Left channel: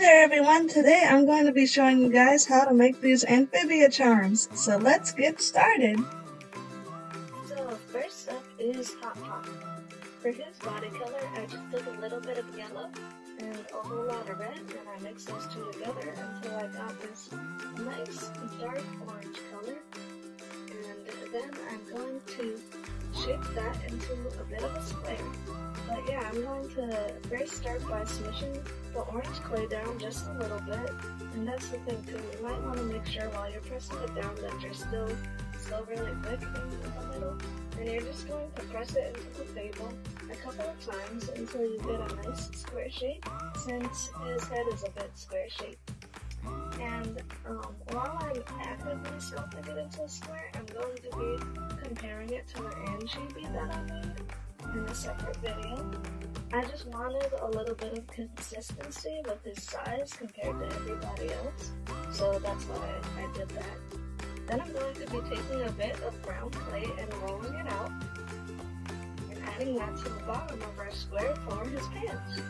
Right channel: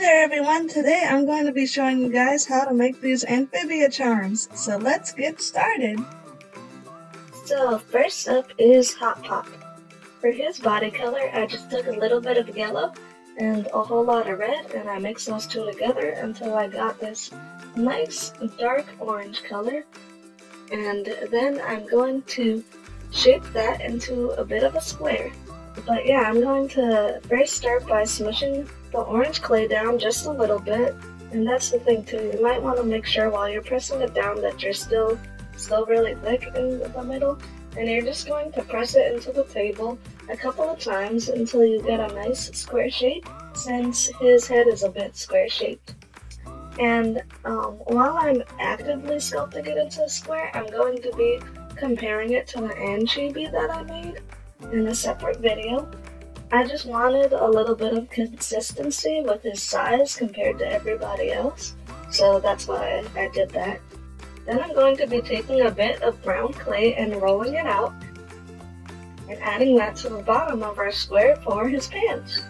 there everyone, today I'm going to be showing you guys how to make these Amphibia charms, so let's get started! So first up is Hot Pop. For his body color I just took a little bit of yellow and a whole lot of red and I mixed those two together until I got this nice dark orange color. And then I'm going to shape that into a bit of a square. But yeah, I'm going to first start by smushing the orange clay down just a little bit. And that's the thing too, you might want to make sure while you're pressing it down that you're still really thick in the middle. And you're just going to press it into the table a couple of times until you get a nice square shape, since his head is a bit square shaped. And while I'm actively sculpting it into a square, I'm going to be comparing it to the Amphibia that I made in a separate video. I just wanted a little bit of consistency with his size compared to everybody else, so that's why I did that. Then I'm going to be taking a bit of brown clay and rolling it out and adding that to the bottom of our square for his pants.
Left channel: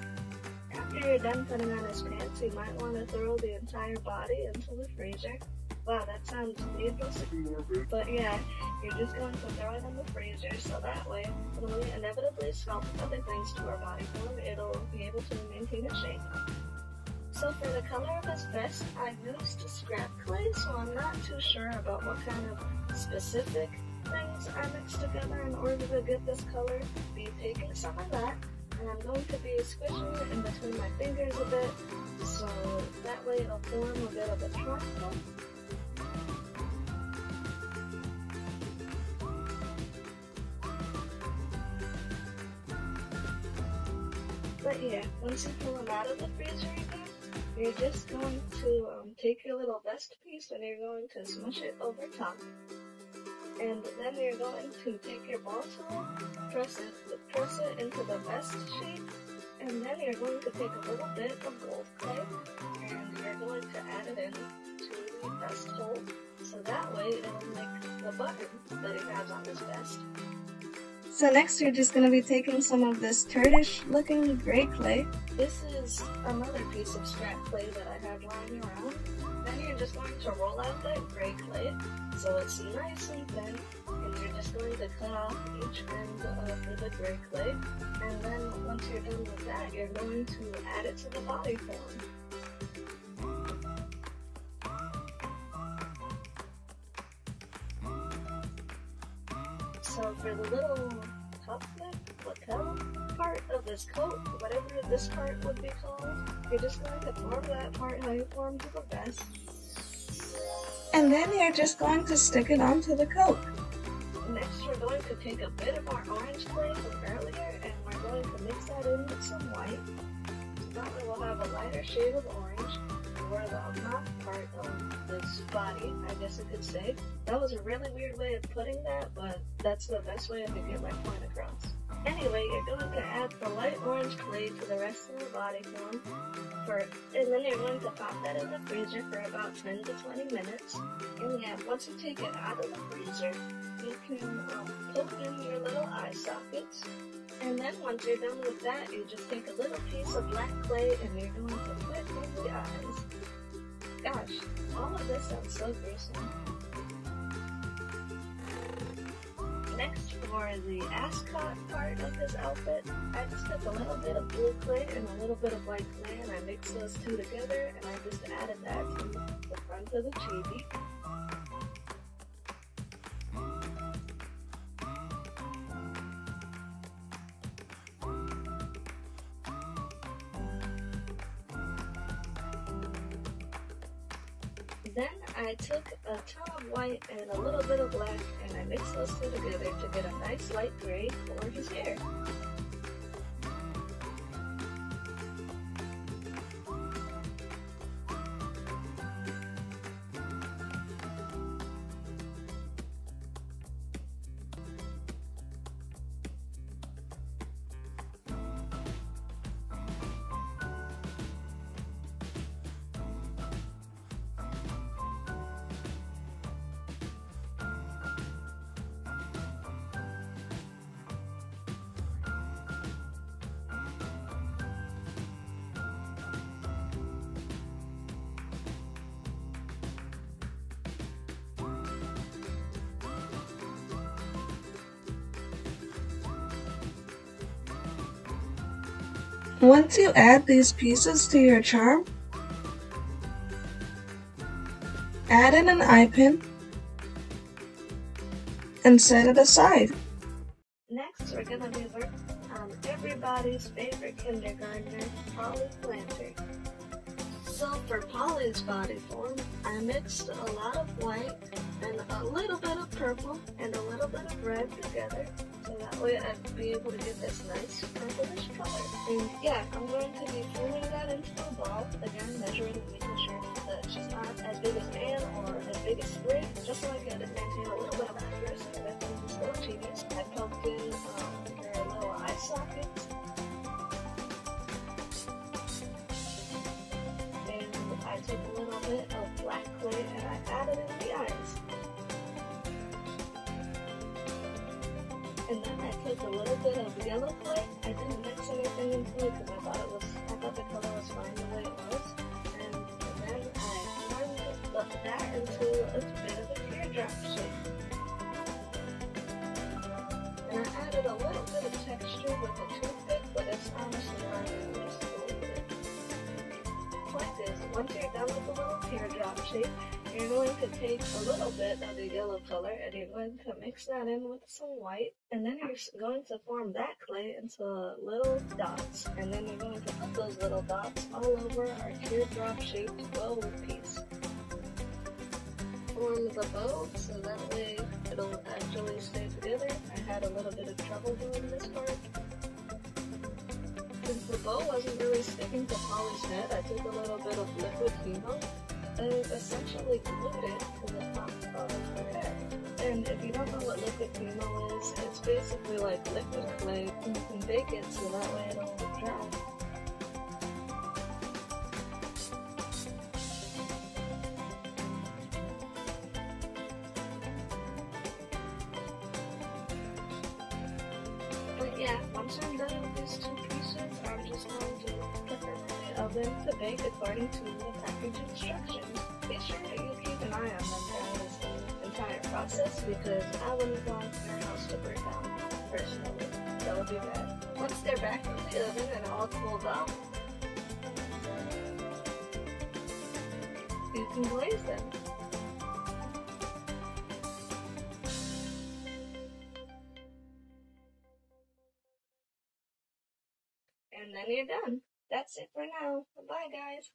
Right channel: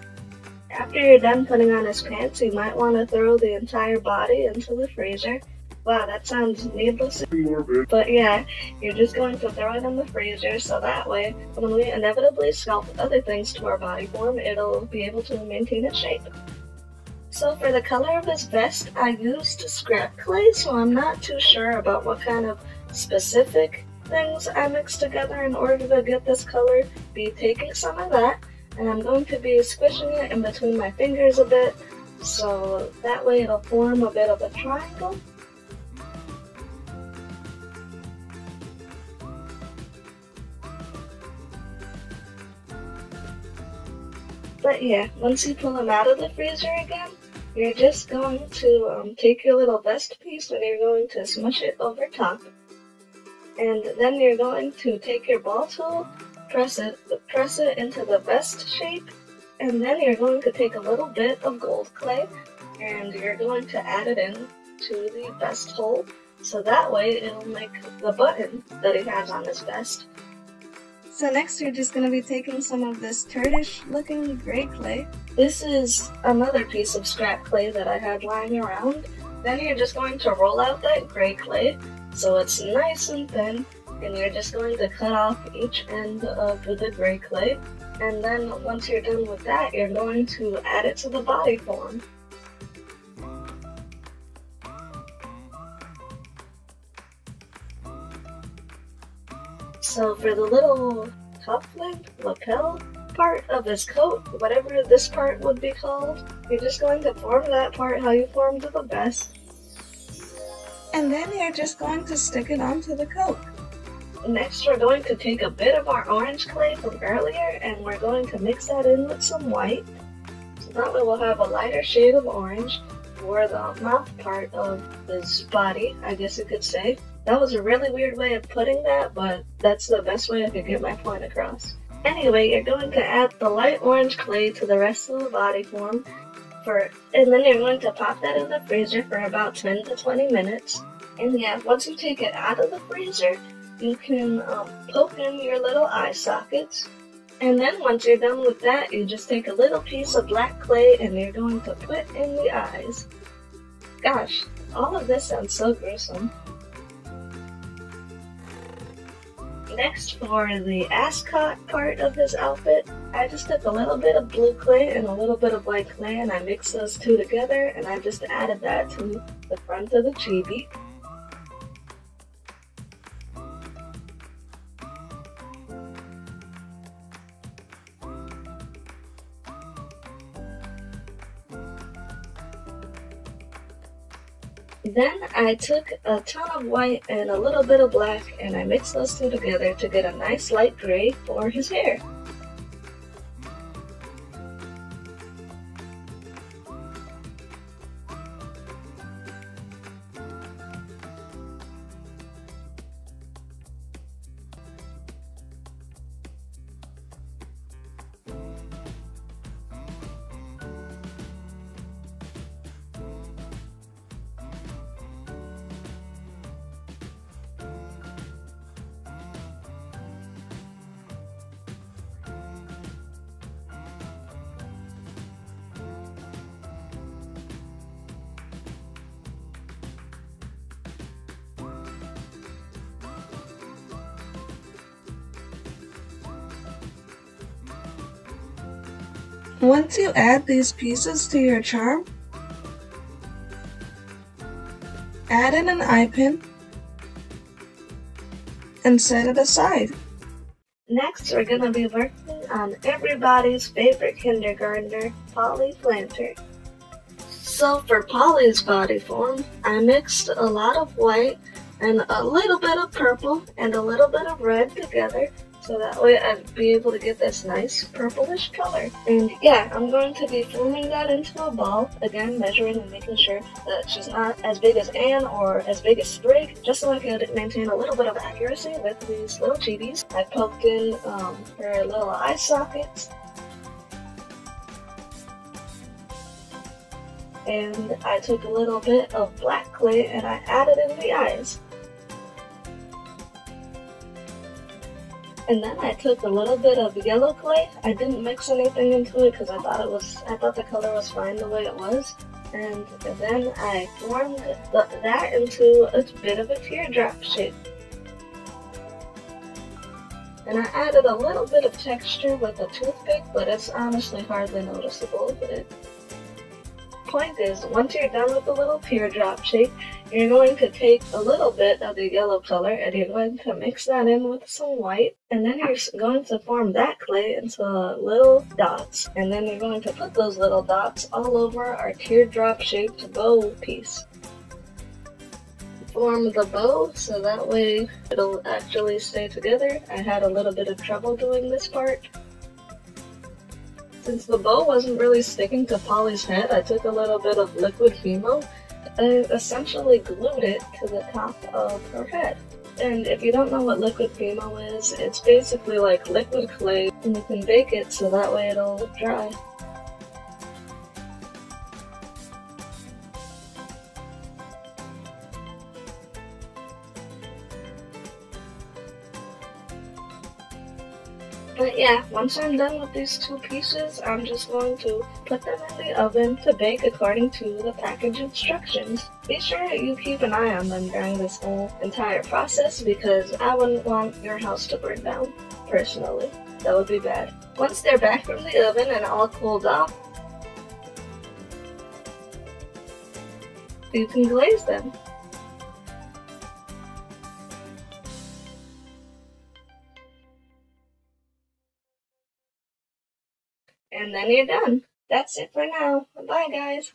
After you're done putting on his pants, you might want to throw the entire body into the freezer. Wow, that sounds needless, but yeah, you're just going to throw it in the freezer so that way, when we inevitably sculpt other things to our body form, it'll be able to maintain its shape. So for the color of his vest, I used scrap clay, so I'm not too sure about what kind of specific things I mixed together in order to get this color. Be taking some of that, and I'm going to be squishing it in between my fingers a bit, so that way it'll form a bit of a triangle. But yeah, once you pull them out of the freezer again, you're just going to take your little vest piece and you're going to smush it over top. And then you're going to take your ball tool, press it into the vest shape, and then you're going to take a little bit of gold clay and you're going to add it in to the vest hole, so that way it'll make the button that he has on his vest. So next you're just going to be taking some of this turdish looking gray clay. This is another piece of scrap clay that I had lying around. Then you're just going to roll out that gray clay so it's nice and thin, and you're just going to cut off each end of the gray clay. And then once you're done with that, you're going to add it to the body form. So for the little top flip, lapel part of his coat, whatever this part would be called, you're just going to form that part how you formed the vest. And then you're just going to stick it onto the coat. Next we're going to take a bit of our orange clay from earlier and we're going to mix that in with some white. So that way we'll have a lighter shade of orange for the mouth part of his body, I guess you could say. That was a really weird way of putting that, but that's the best way I could get my point across. Anyway, you're going to add the light orange clay to the rest of the body form, and then you're going to pop that in the freezer for about 10 to 20 minutes. And yeah, once you take it out of the freezer, you can poke in your little eye sockets. And then once you're done with that, you just take a little piece of black clay and you're going to put in the eyes. Gosh, all of this sounds so gruesome. Next, for the ascot part of his outfit, I just took a little bit of blue clay and a little bit of white clay and I mixed those two together and I just added that to the front of the chibi. Then I took a ton of white and a little bit of black and I mixed those two together to get a nice light gray for his hair. Once you add these pieces to your charm, add in an eye pin and set it aside. Next, we're going to be working on everybody's favorite kindergartner, Polly Planter. So for Polly's body form, I mixed a lot of white and a little bit of purple and a little bit of red together, so that way I'd be able to get this nice purplish color. And yeah, I'm going to be forming that into a ball, again measuring and making sure that she's not as big as Anne or as big as Sprig, just so I could maintain a little bit of accuracy with these little chibis. I poked in her little eye sockets, and I took a little bit of black clay and I added in the eyes. And then I took a little bit of yellow clay. I didn't mix anything into it because I thought the color was fine the way it was. And then I formed that into a bit of a teardrop shape. And I added a little bit of texture with a toothpick, but it's honestly hardly noticeable with it. Point is, once you're done with the little teardrop shape, you're going to take a little bit of the yellow color and you're going to mix that in with some white, and then you're going to form that clay into little dots, and then you're going to put those little dots all over our teardrop shaped bow piece. Form the bow so that way it'll actually stay together. I had a little bit of trouble doing this part. Since the bow wasn't really sticking to Polly's head, I took a little bit of liquid Fimo and essentially glued it to the top of her head. And if you don't know what liquid Fimo is, it's basically like liquid clay, and you can bake it so that way it'll dry. But yeah, once I'm done with these two pieces, I'm just going to put them in the oven to bake according to the package instructions. Be sure that you keep an eye on them during this whole entire process because I wouldn't want your house to burn down, personally. That would be bad. Once they're back from the oven and all cooled off, you can glaze them. And then you're done. That's it for now. Bye, guys.